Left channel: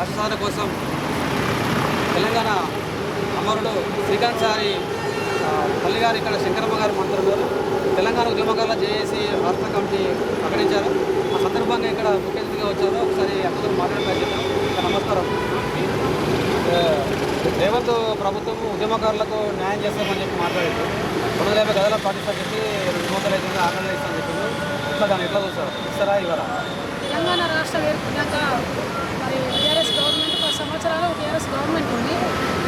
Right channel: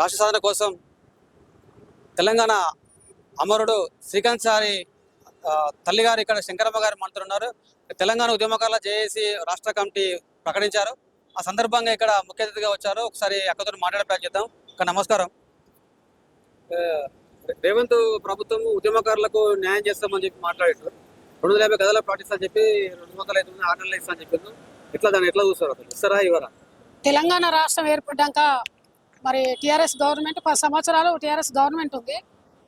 రాష్ట్రాల కోసం తెలంగాణ అమరుడు శ్రీకాంత్ సారి తల్లి గారు ఇక్కడ శంకరమ్మ గారి మంత్రులు తెలంగాణ ఉద్యమకాల జేఏసీ రాష్ట్ర కమిటీ ప్రకటించారు. ఆ సందర్భంగా ఇక్కడ ముఖ్య అతిథిగా వచ్చారు. ఒకసారి అక్కతో మాట్లాడే ప్రయత్నిద్దాం నమస్కారం. రేవంత్ ప్రభుత్వం ఉద్యమకారులకు న్యాయం చేస్తామని చెప్పి మాట్లాడారు. రెండు వేల గదాలు చెప్పి రెండు వందల ఐదు వందల ఆర్డర్ ఇస్తాను చెప్పారు. ఇట్లా ఎట్లా చూస్తారు? సరే ఇవాళ తెలంగాణ రాష్ట్రం ఏర్పడ్డాక సంవత్సరాలు టీఆర్ఎస్ గవర్నమెంట్ ఉంది.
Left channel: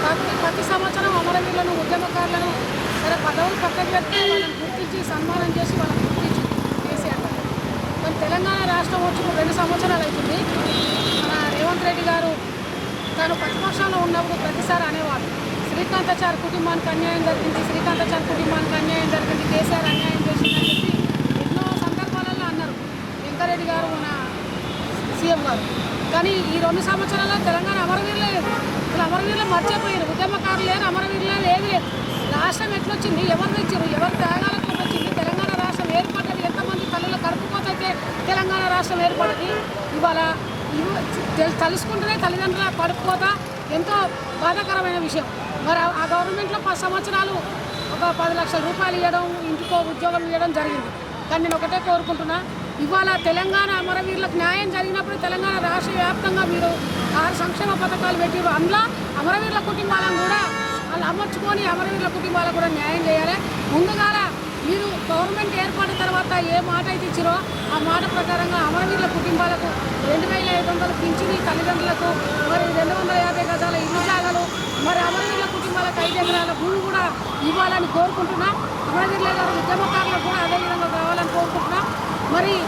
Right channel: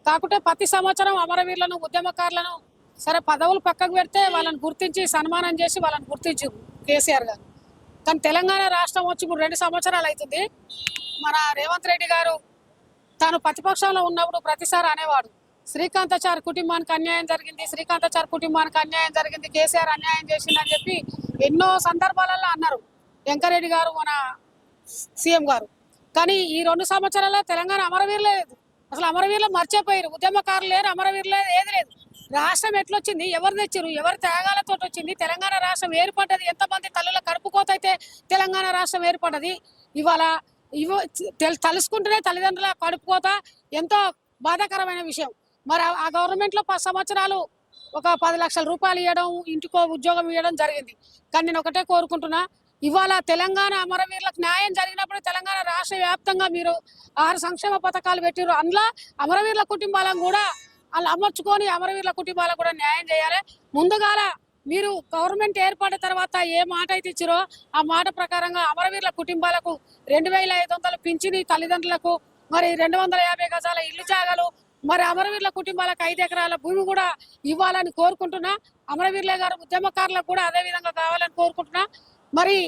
కాకపోతే ప్రతి సంవత్సరం అమరవీరులను ఉద్యమకారులను సరే పదవులు పక్కన పెడితే వాళ్ళని గుర్తించి సన్మానం చేసి వాళ్ళని గుర్తించి కేసీఆర్ గారు. కానీ తెలంగాణ రాష్ట్రం వచ్చి రెండు సంవత్సరాలు అవుతుంది. మన రేవంత్ రెడ్డి గారు తాను ప్రతిపక్షంలో ఉన్నప్పుడు ప్రతిసారి అనేవాడు శ్రీకాంతాచార్ కుటుంబానికి అన్యాయం జరిగింది శ్రీకాంతాచార్ కుటుంబానికి అన్యాయం జరిగింది కేసీఆర్ అన్యాయం చేసిందని చెప్పి ఎన్నో సందర్భాలలో అన్నారు. వెంకరెడ్డి గారు మన సీఎం గారు. కానీ ఈ రెండు సంవత్సరాల్లో తెలంగాణ అమరవీరులు. లేదు అసలు అమరవీరులు మర్చిపోయారు. ఉద్యమకారులు లేదు అమరవీరులు లేదు. ఏది లేదు రాష్ట్రం ఎట్లొచ్చింది? ఎవరు తెచ్చింది? ఎవరు త్యాగాలతో వచ్చింది? తెలంగాణ రాష్ట్రం ఏర్పడ్డది? ఎంతమంది తల్లుల కడుపుకోతైతే తెలంగాణ రాష్ట్రం ఏర్పడ్డది? ఇవాళ ఇవ తలుసుకుంటేనే తల్లిదండ్రుల కడుపుకోత ఎంతో బాధాకరమైన విషయం. మరి ఆ గవర్నమెంట్లో పది సంవత్సరాలు ఒక పది లక్షల రూపాయలు ఇవ్వడం ఇంటికో ఉద్యోగం ఇవ్వడం జరిగింది. కానీ ఒకటే కోరుకుంటున్నా. ఇవాళ తెలంగాణ అమరవీరులకు న్యాయం జరిగినప్పుడు తెలంగాణ రాష్ట్ర వ్యాప్తంగా మీరు ఆరు సంక్షేమ పథకాలు పెట్టారు అందులో అమరవీరుల కుటుంబాలను కూడా అది అమర్చుకొని అమరవీరుల కుటుంబాలకు కూడా న్యాయం చేయాలి. ముందుగా మీరు గవర్నమెంట్ ఏర్పడిన తర్వాత ఏ మాట అయితే ఇచ్చారో ఆ మాట ప్రకారంగా అమరవీరుల కుటుంబాలకు రెండు వేల ఐదు వందలు పింఛని తల్లిదండ్రులకు మరి రెండు వందల యాభై గజాల ఇల్లు జాగారు. మరి అమరవీరుల కుటుంబాలకు ఐదు ఎకరాల భూమి కూడా ఇవ్వాలని కోరుకుంటున్నా. అమరవీరుల గారి ఉద్యమకారులకు కూడా అదేవిధంగా మరి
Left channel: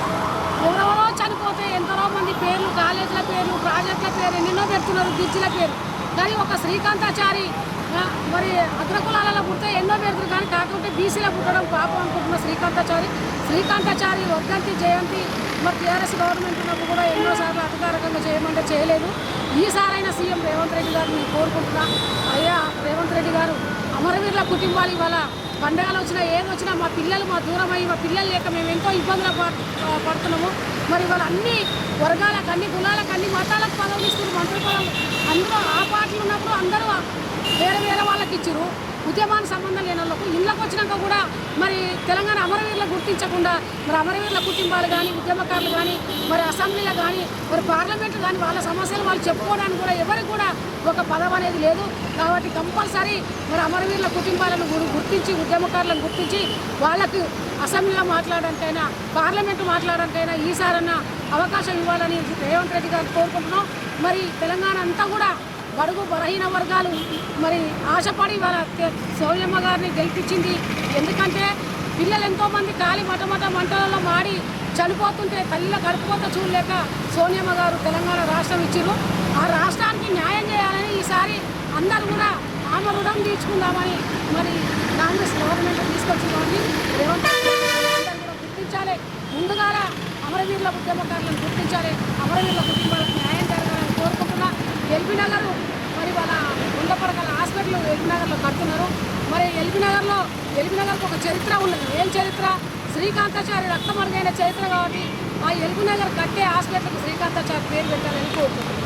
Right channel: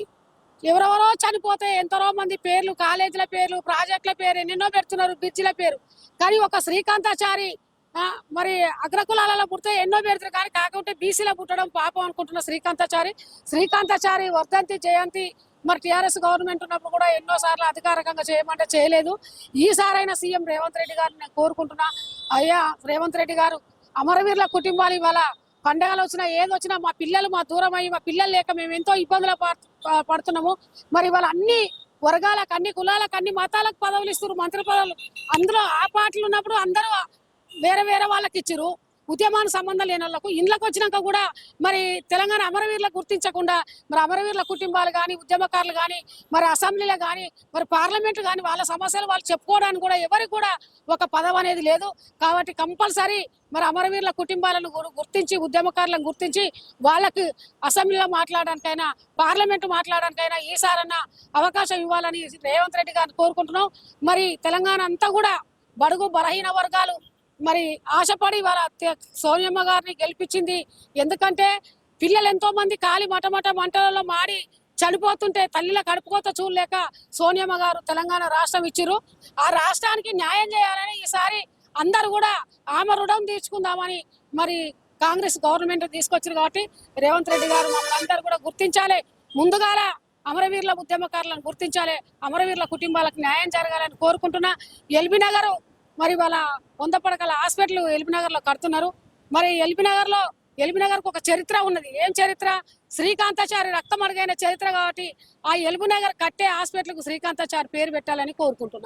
ఎవరో చనిపోతే ఎంతో మంది పేర్లు కాలేజీల పేర్లు ప్రాజెక్టుల పేరు ఎన్నెన్నో పెడుతున్నారు బీచ్ల పేరు. కానీ ఒక శ్రీకాంతాచారి మరి అగ్రకులాల పుట్టే ఎన్నో పేర్లు కానీ కాకుంటే బీసీల పుట్టడం పాపం అనుకుంటున్న శ్రీకాంతాచారి. శ్రీకాంతాచారి ఒకటి జయంతి మా టీఆర్ఎస్ గవర్నమెంట్ ఉన్నప్పుడు కూడా ఎన్నోసార్లు అధికారికంగా చేయమంటే చేయలేదు. ఈసారైనా సీఎం రేవంత్ రెడ్డి గారిని కోరుకుంటున్నా. అయ్యా రేవంత్ రెడ్డి గారు అమరవీరుల కుటుంబాలు ఇవాళ పండుగలు వచ్చినా ఏది వచ్చినా మా పిల్లలు మా దూరమై మా పిల్లలు లేక మేము ఎంతో ఇబ్బందులు పడుతున్నాము. మరి అన్ని వర్గాలకు అన్ని కులాలకు అన్ని మతాలకు పదవులు ఇస్తున్నారు. అందరూ అందరూ ఆ పార్టీ ఉన్నప్పుడు అందరూ వేరే వేరే వాళ్ళకి ఇచ్చారు. ఉద్యమానికి సంబంధం లేని వాళ్ళకు. ఇళ్ళకి వచ్చినాక కూడా మరి తెలంగాణ అమరవీరులు గుర్తించకుండా మరి అమరవీరుల కుటుంబాలు కానీ ఉద్యమకారులు కానీ మరి అసెంబ్లీలో కానీ మరి పార్లమెంట్ కానీ వాళ్ళ సమస్యలు వాళ్ళు చెప్పుకోవడానికి కూడా ఎవరికి కూడా ఒక పదం అనేది లేదు. కాబట్టి కంపల్సరీ మరి అమరవీరుల కుటుంబాలను గుర్తించి ఉద్యమకారులను గుర్తించి వాళ్ళకు అసెంబ్లీలో మాట్లాడడానికైనా పార్లమెంట్ మాట్లాడడానికైనా ఈసారైనా అవకాశం ఇవ్వాలని రేవంత్ రెడ్డి గారు కోరుకుంటున్నాం. మరి తెలంగాణ అంతా కూడా బడుగు బలహీన వర్గాలు మరి ఆశపడి వాళ్ళ తె- గారిని గెలిపించింది. ఎందుకంటే పిల్లలు ఎంతోమంది కాలి మటమట మంటలలో మాడి చనిపోతుంటే తల్లిలో గడిపోతే చూడలేక సోనియమ్మ గారు తెలంగాణ రాష్ట్రం ఇచ్చారు. ఆ రాష్ట్రానికి న్యాయం చేయాలని ఈసారి అందరూ కూడా ఆమె రుణం తీసుకుందామని మరి కాంగ్రెస్ గవర్నమెంట్ తీసుకొచ్చిన రేవంత్ రెడ్డి గారు అందరూ కూడా గుర్తించాలి. ముందుగా అమరవీరుల ఉద్యమకారులను గుర్తించాలి. అమరవీరుల కుటుంబాలకు న్యాయం జరగాలని కోరుకుంటున్నా. ఎల్బీ నగర్ మరి వాళ్ళ వంద పడగల హాస్పిటల్ ఎల్బీ నగర్లో కడుతున్నారు. మరి ఎల్బీ నగర్లో ఎల్బీ నగర్కి ఒక చరిత్ర ఉన్నది. ఏం చరిత్ర? శ్రీకాంతాచారి రక్తమడిగిన చరిత్ర కాబట్టి ఆ ఎల్బీ నగర్ కట్టే హాస్పిటల్ శ్రీకాంతాచారి పేరు పెట్టాలని కోరుకుంటున్నాను